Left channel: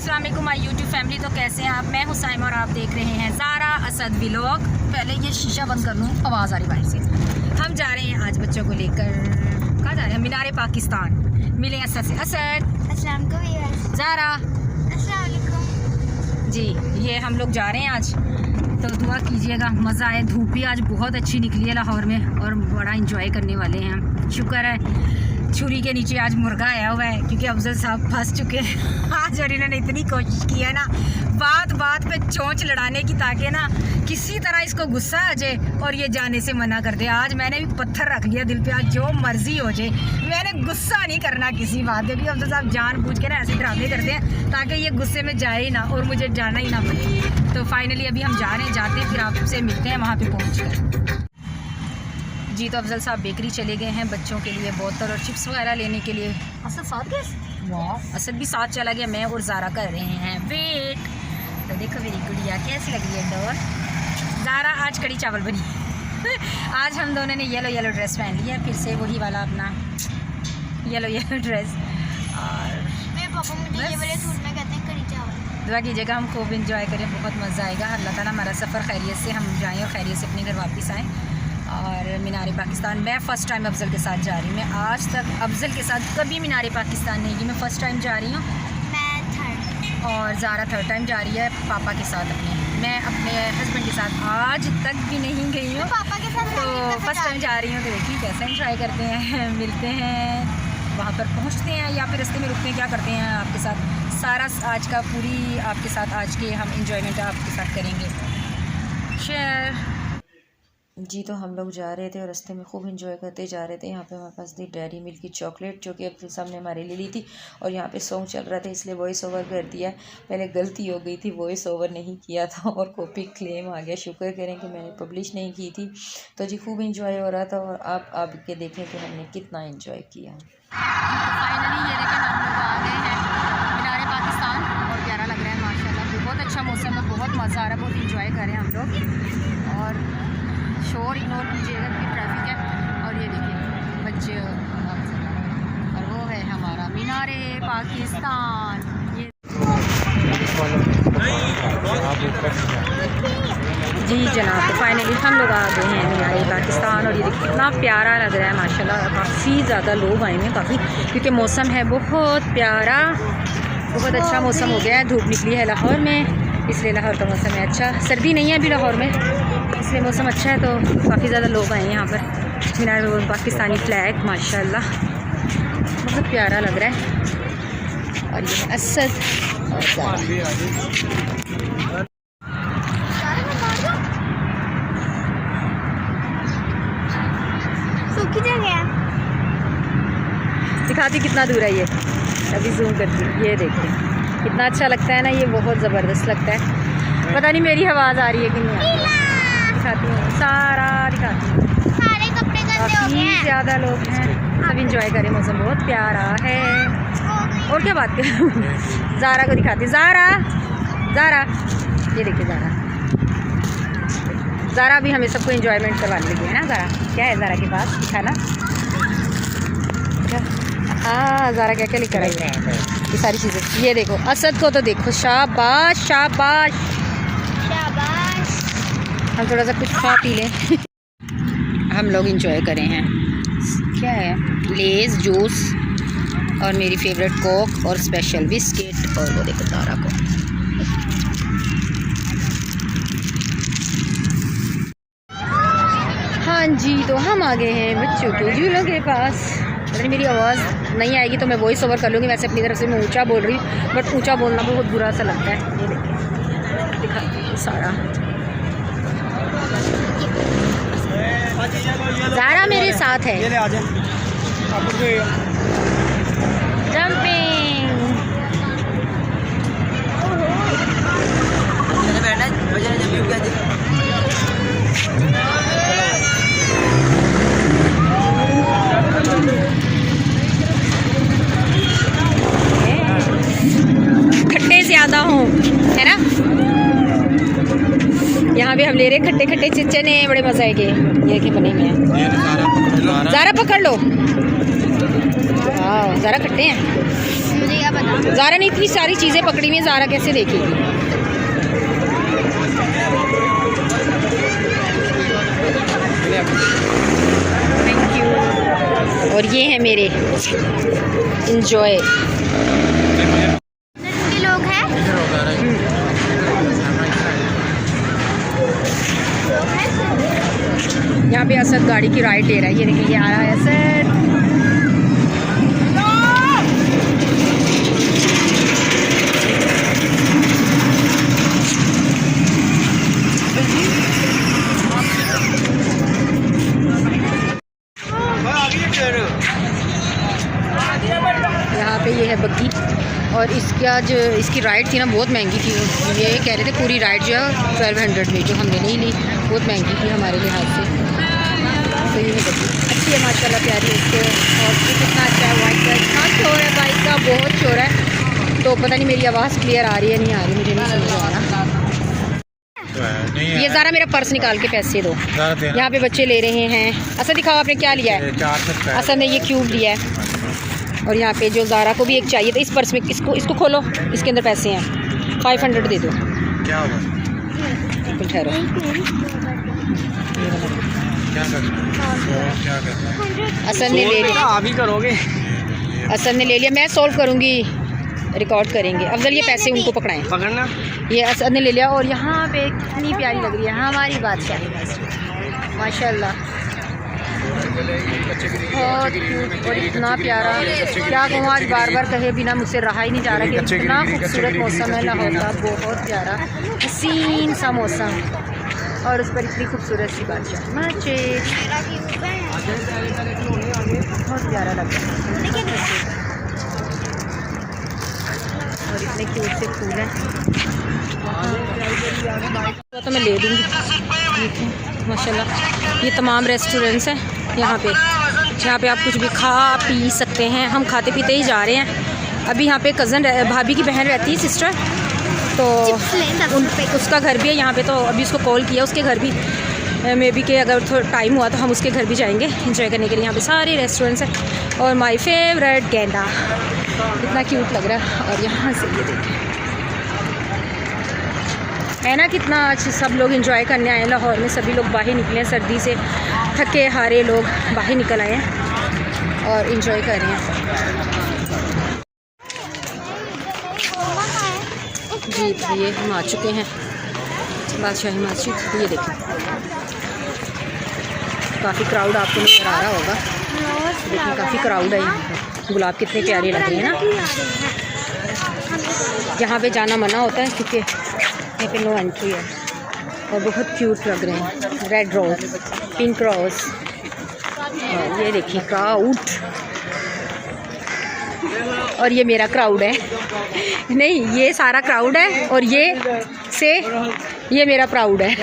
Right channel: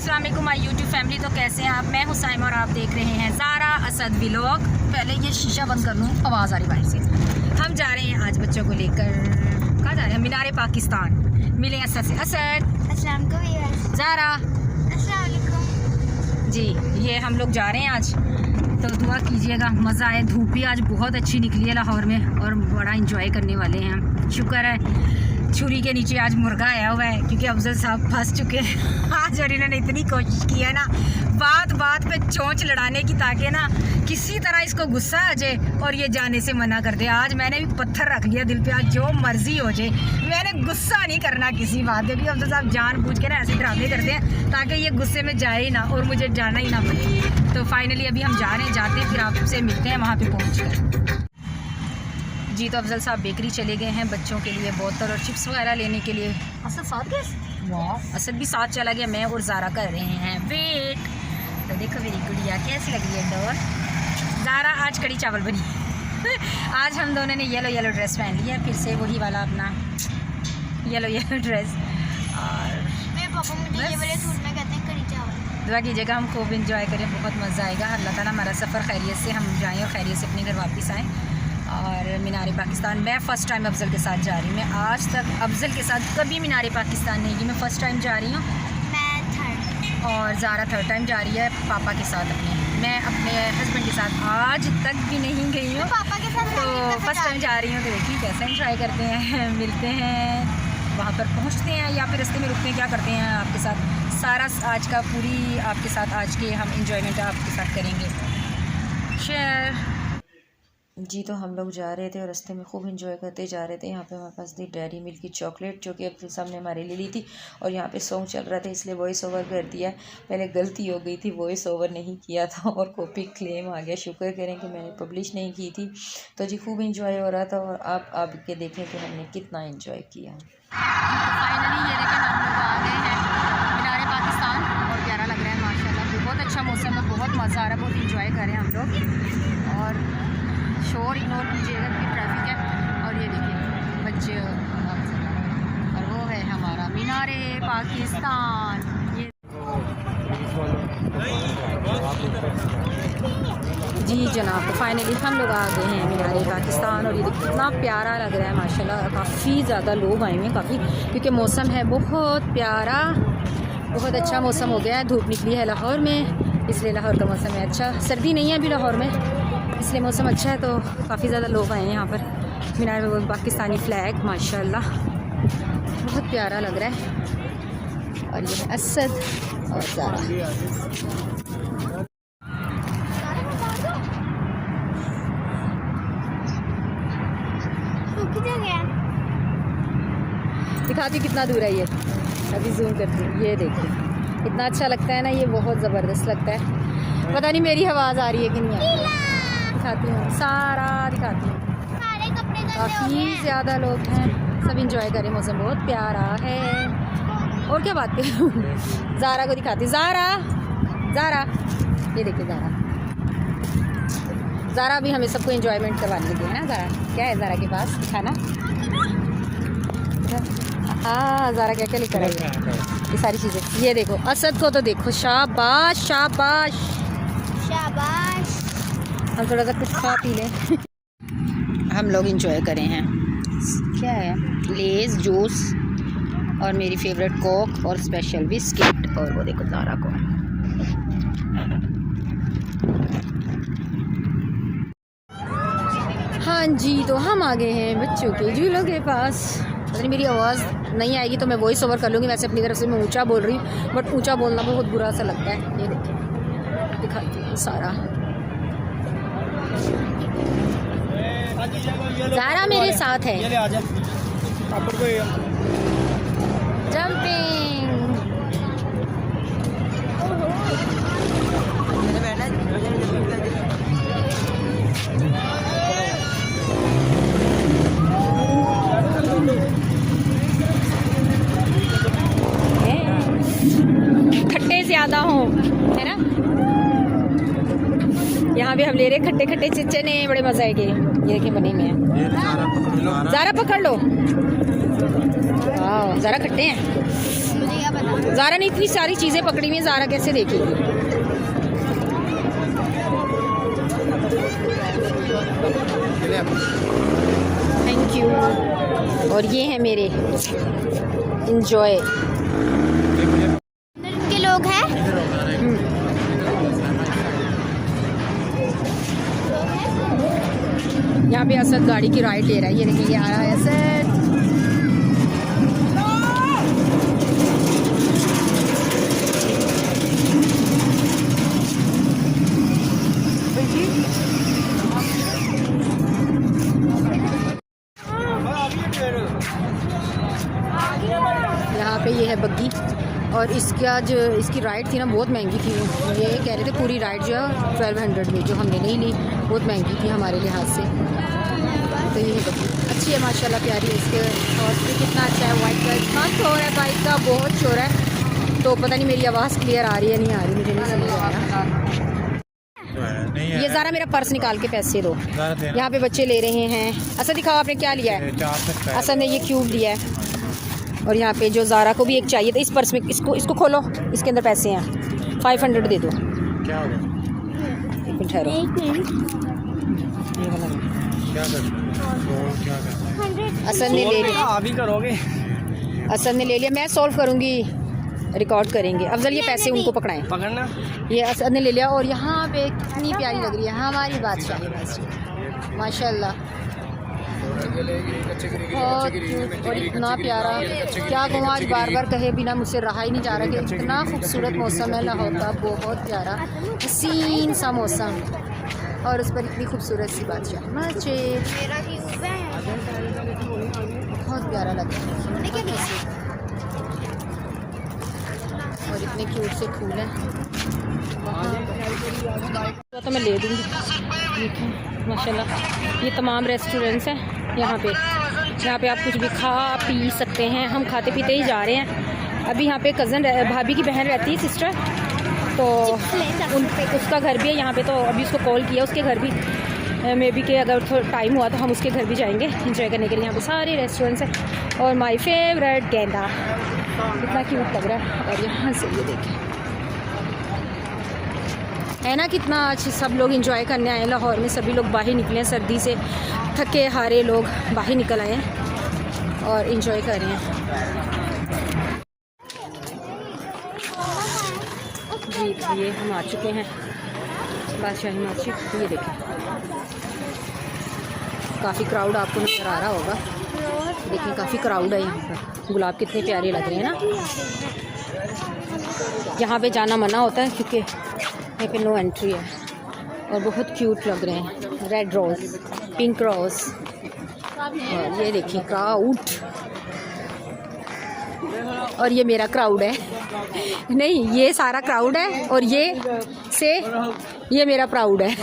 अस्सलाम वालेकुम my YouTube family. तो कैसे हैं आप? मैं हुसैन और आप देख रहे हैं ज़ारा असद व्लॉग। पहले ये शीशा बंद कर लूँ, आवाज़ आ रही बाहर से। हम जा रहे हैं आज बच्चों को लेकर, कहाँ जा रहे हैं? मीनार पाकिस्तान। मिले असद से। असद, अस्सलाम वालेकुम। ज़ारा, अस्सलाम वालेकुम। जी ये हम लोग जा रहे हैं आज, तो दुआ कीजिएगा मज़ा आए। धूप भी आज बहुत अच्छी निकली है लाहौर में और बड़ा इंजॉय करने वाले हैं हम। शुक्र है छुरी के नीचे आज मुर्गा आया हुआ है, क्योंकि अफजल साहब फंस चुके हैं आज। और इन्होंने इतनी कोशिश की है ना बात बात पे चोंच लड़ाने की, ताकि ना किसी तरह इसको गुस्सा आ जाए और ये जाने से मना कर दे। आज मैंने भी पत्थर रख लिया दिल पे, आज जो मर्जी हो जाए मैंने गुस्सा नहीं करना किसी बात पे भी। अफजल साहब जानबूझ के ना ऐसे ड्रामे करते हैं ताकि ये गुस्से में जाए ही ना और मुझे जाना ही ना पड़े। तो फाइनली अभी हम जा रहे हैं, जाते हैं फिर आपसे मिलते हैं वहाँ पर पहुँच कर। जी तो अफजल साहब बेकरी चले गए हैं बच्चों के लिए बोतल और चिप्स वगैरह लेने के लिए। असद साथ गए? वाह, असद भी साथ चला गया। मैं और ज़ारा कर रहे हैं वेट। तो देखो मेरी गुड़िया कैसी लग रही है डोर। ज़ारा आज कड़ी चावल बनी आज हम दोनों ने येलो येलो ड्रेस पहन लिया, फिर से वही वाला अपना येलो येलो ड्रेस। और मेरे पापा मुझे ये वाले सूट में कहते हैं कड़ी चावल। दुआ कीजिएगा हम खूब इंजॉय करें, बहुत मज़ा आएगा। अल्लाह ताला हमारा सफ़र खैरियत से हम जाएँ और खैरियत से अपने घर वापस आएँ। और मीनार पाकिस्तान मैं फ़र्स्ट टाइम अफजल के साथ जा रही हूँ। मैं आज तक अफजल के साथ कभी मीनार पाकिस्तान नहीं गई, मैं फ़र्स्ट टाइम जा रही हूँ। मैं थर्ड और ज़ारा थर्ड टाइम जा रही है पापा के साथ अपने। मैं अपने हस्बैंड के साथ आज तक भी नहीं गई हूँ, पापा के साथ। तो फर्स्ट टाइम जा रही हूँ। तो देखिए कैसे इंजॉय करते हैं, मिलते हैं वहाँ पर पहुँचते हैं या फिर रास्ते में रुकते हैं, क्या करते हैं आपके साथ सारा आज का पूरी आपके साथ आज के हम इंजॉयमेंट आपके साथ करेंगे शेयर। जी तो हम लोग जा रहे थे और रास्ते में खूब इंजॉय करते जा रहे थे। यहाँ पे हमारे पास थी डेयरी मिल्क की चॉकलेट, जो कि अब्दुल साहब ने हमारे लिए ली थी। और यहाँ पे सॉन्ग चल रहा था इसलिए वॉइस ओवर कर दिया। पहले गलती हो गई थी, वॉइस ओवर नहीं किया था और कॉपी क्लेम आ गया। शुक्र करें कि मैंने पब्लिश नहीं की थी। तो जी खूब इंजॉय हो रहा था और आप के देखें कि हमने कितना इंजॉय किया। फाइनली ये देखें हम लोग आ गए हैं मीनार पाकिस्तान और प्यारा लग रहा है माशाल्लाह। बहुत अच्छा मौसम है, बहुत मज़ा आ रहा है, बहुत इंजॉय करें हम लोग। और शोर इग्नोर कीजिएगा क्योंकि ट्रैफिक है। और ये देखिए बच्चे और वो है हमारा मीनार पाकिस्तान। ये जी जनाब, तो फाइनली हम लोग आ गए हैं मीनार पाकिस्तान। और ये देखिए कितना प्यारा लग रहा है माशाल्लाह। काफ़ी ज़्यादा लोग आए हैं काफ़ी, क्योंकि मौसम है बहुत प्यारा, बहुत अच्छा मौसम हो गया है। धूप निकली है लाहौर में, इसलिए लाहौर का मौसम है अच्छा। सर्दी नहीं है अभी लाहौर में, इसलिए मौसम अच्छा है। तो काफ़ी ज़्यादा लोग आए हैं यहाँ पर। मीनार में पाकिस्तानी फ्लैग माशाल्लाह बहुत प्यारा लग रहा है। और ये असद सूखी जगह दिखाती कितना दूर है ये, अभी जूम करती हूँ। ये देखिए कितना अच्छा लगता है ना, ये बहुत ज़बरदस्त लगता है। पता नहीं मेरी आवाज़ आ रही है कि नहीं। दिखाती हूँ सारा, दिखाती हूँ। सारे कपड़े गंदे हो गए काफ़ी हैं। ज़्यादा लोग हैं, सब इंजॉय करें, मौसम बहुत प्यारा है। और क्या बात करूँ ज़ारा को दिखाती हूँ। ज़ारा, ज़ारा ये देखिए ज़ारा भी हमें सबको इंजॉयमेंट करवा रही है ना। ज़ारा क्या है ज़ारा के पास खाना? हाँ ज़ारा क्या क्या लेकर आई है ये सारी चीज़ें। ये देखो असद को तो देखो, शाबाश शाबाश शाबाश। हम थोड़ा सा कुछ खा पी लें। हम लोग इंजॉय करें हैं, क्या है लेज़ जूस और मेरी फेवरेट कोक और स्पेशल बिस्किट। और वो देखो ज़ारा को। हाँ जी तो हम आ गए हैं बच्चों के झूलों के पास। मेरी आवाज़ नहीं आएगी तो मैं वॉइस ओवर कर लूँगी। वैसे अपनी तरफ से मैं ऊंचा बोल रही हूँ, बट ऊंचा बोलना बहुत बुरा सा लगता है। दिखाइए सारा। ज़ारा मेरे साथ है। जंपिंग खट्टे ज़्यादा हों है ना। यहाँ भी हम ले रहे खट्टे खट्टे चिच्चे ने, बड़े मज़े आएंगे। ये के बने हुए हैं। ज़ारा पकड़ लो। वाह ज़ारा खट्टे हैं। ज़ारा ने इतनी सारी चीज़ें पकड़ी हुई हैं, ज़ारा कैसे देखेगी। Thank you. और ये है मेरे इंजॉय। कितने लोग हैं? यहाँ पे असद गाड़ी की राइड ले रहा है, ये देखिए आ रहा है असद। यहाँ पे ये है बग्गी, और इसकी आज इसकी राइड थी ना बहुत महंगी थी। ये कह रहे थे पूरी राइड जो है 1200 में, जो हमने नहीं ली, बहुत महंगी थी हमारे लिहाज से। अच्छी है माशाल्लाह, प्यारी इसके। और कितना अच्छा है बाइक का, इतना शोर है बाइक का, बहुत शोर है। तो पता नहीं मेरी आवाज़ क्लियर आ रही है नहीं आ रही, मुझे नहीं समझ आ रहा। ये ज़रा मेरा पर्स निकाल के पैसे दो। यहाँ पे बच्चे ले रहे हैं। असद दिखाओ आपने क्या लिया है। असद ने ये क्यूब लिया है, और यहाँ पे जो ज़ारा को भी एक चाहिए था। इस पर्स में इसको खोलो, इसके अंदर पैसे हैं, 500 दे दो। क्या होगा? ठहरो, असद ने ले लिया। अभी करोगे? असद ने ले लिया, मैं सॉल्व करूँगी, रिकॉर्ड करेंगे। अफजल ये पैसे उनको पकड़ाएं, पकड़ना। ये असद ने ले लिया। और यहाँ पे कितनी प्यारी लग रही है हमारी बादशाह माशाल्लाह, बहुत और इतना प्यारा। क्या कहूँ, आज बार बार कहे बिना मुझसे रहा ही नहीं जा रहा कि इतना खूबसूरत मौसम है लाहौर का, बहुत प्यारा हसीन सा मौसम, और उस पर इतनी खूबसूरत सी बादशाह बच्चे, बहुत प्यारा लगता है। और इतने क्यूट से फूल हैं, तो मैं ले दूँगी माशाल्लाह। ये तमाम रेस्टोरेंट्स हैं यहाँ पे, जहाँ पे आप कुछ भी खा पी सकते हैं। हम खाते पीते ही जा रहे हैं। अभी यहाँ पे कज़न भाभी की बहन रहती है, सिस्टर, तो उन पे उसका घर भी है यहाँ पे। तो अभी उसको कॉल किया, उसके घर भी मे बी के अगर थोड़ा टाइम हुआ तो हम उसके घर भी जाएंगे एंजॉय करने के लिए। यहाँ पे सारे रेस्टोरेंट्स हैं, और माय फेवरेट गेंडा इतना क्यूट लग रहा है। और यहाँ से है ना, कितना आज सब लोग एंजॉय करने आए हैं लाहौर में। सभी लोग बाहर निकले हैं, सर्दी से थके हारे लोग बाहर निकल आए हैं और एंजॉय कर रहे हैं। जी ये हम आ चुके हैं बादशाही मस्जिद। ये देखें, काफ़ी क्राउड आपको नजर आ रहा होगा, लेकिन काफ़ी क्राउड है यहाँ पे। गुलाब कितने प्यारे लग रहे हैं ना। यहाँ पे जाना मना होता है क्योंकि यहाँ पे नो एंट्री है, और बहुत क्यूट लग रहे हैं। रेड रोज, पिंक रोज, और ये देखिए क्राउड। और ये मेरा क्राउड है, नहीं ये सारा क्राउड है, और ये मेरा प्राउड है।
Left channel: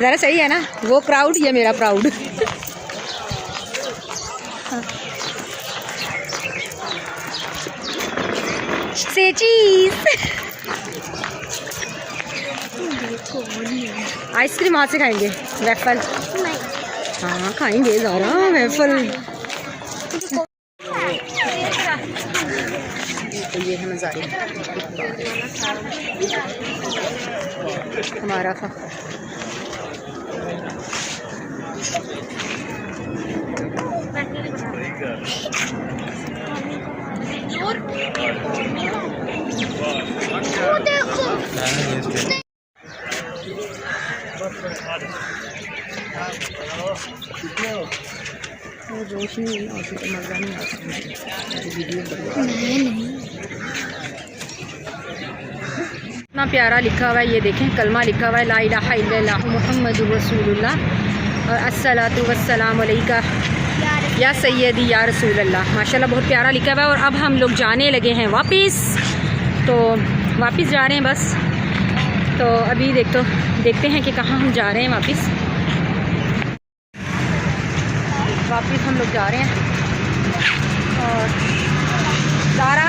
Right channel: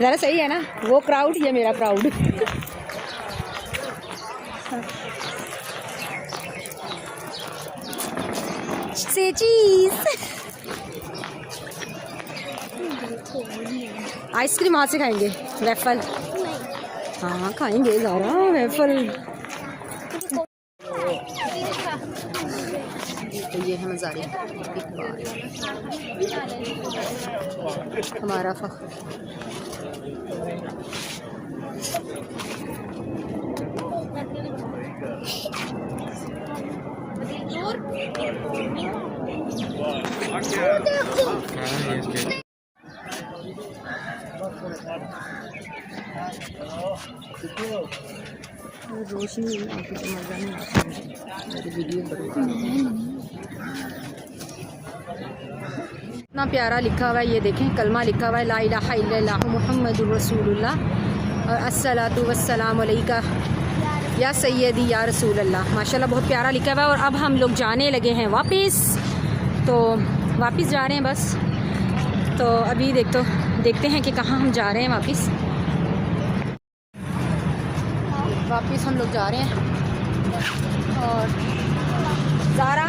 ज़रा सही है ना, वो क्राउड, ये मेरा प्राउड। से चीज़ आइसक्रीम वहाँ से खाएंगे, वेफल। हाँ खाएंगे ज़रा वेफल। ये है मज़ारिया हमारा था। रोशनी मज़ा नहीं आता वीडियो। इतना प्यारा लिखा हुआ है, ये देखें कलमा लिखा हुआ है, ला इलाहा इल्लल्लाह मुहम्मदुर रसूलुल्लाह और अस्सलातु वस्सलामु अलैका या सैयदी या रसूलल्लाह। माशाल्लाह बहुत प्यारा लिखा हुआ है। और अब हम लोग जाने लगे हैं वापस, तो वापस जा रहे हैं बस। तो अभी देखते हैं कि कहाँ हम जा रहे हैं वापस हम लोग जा रहे हैं। और ज़ारा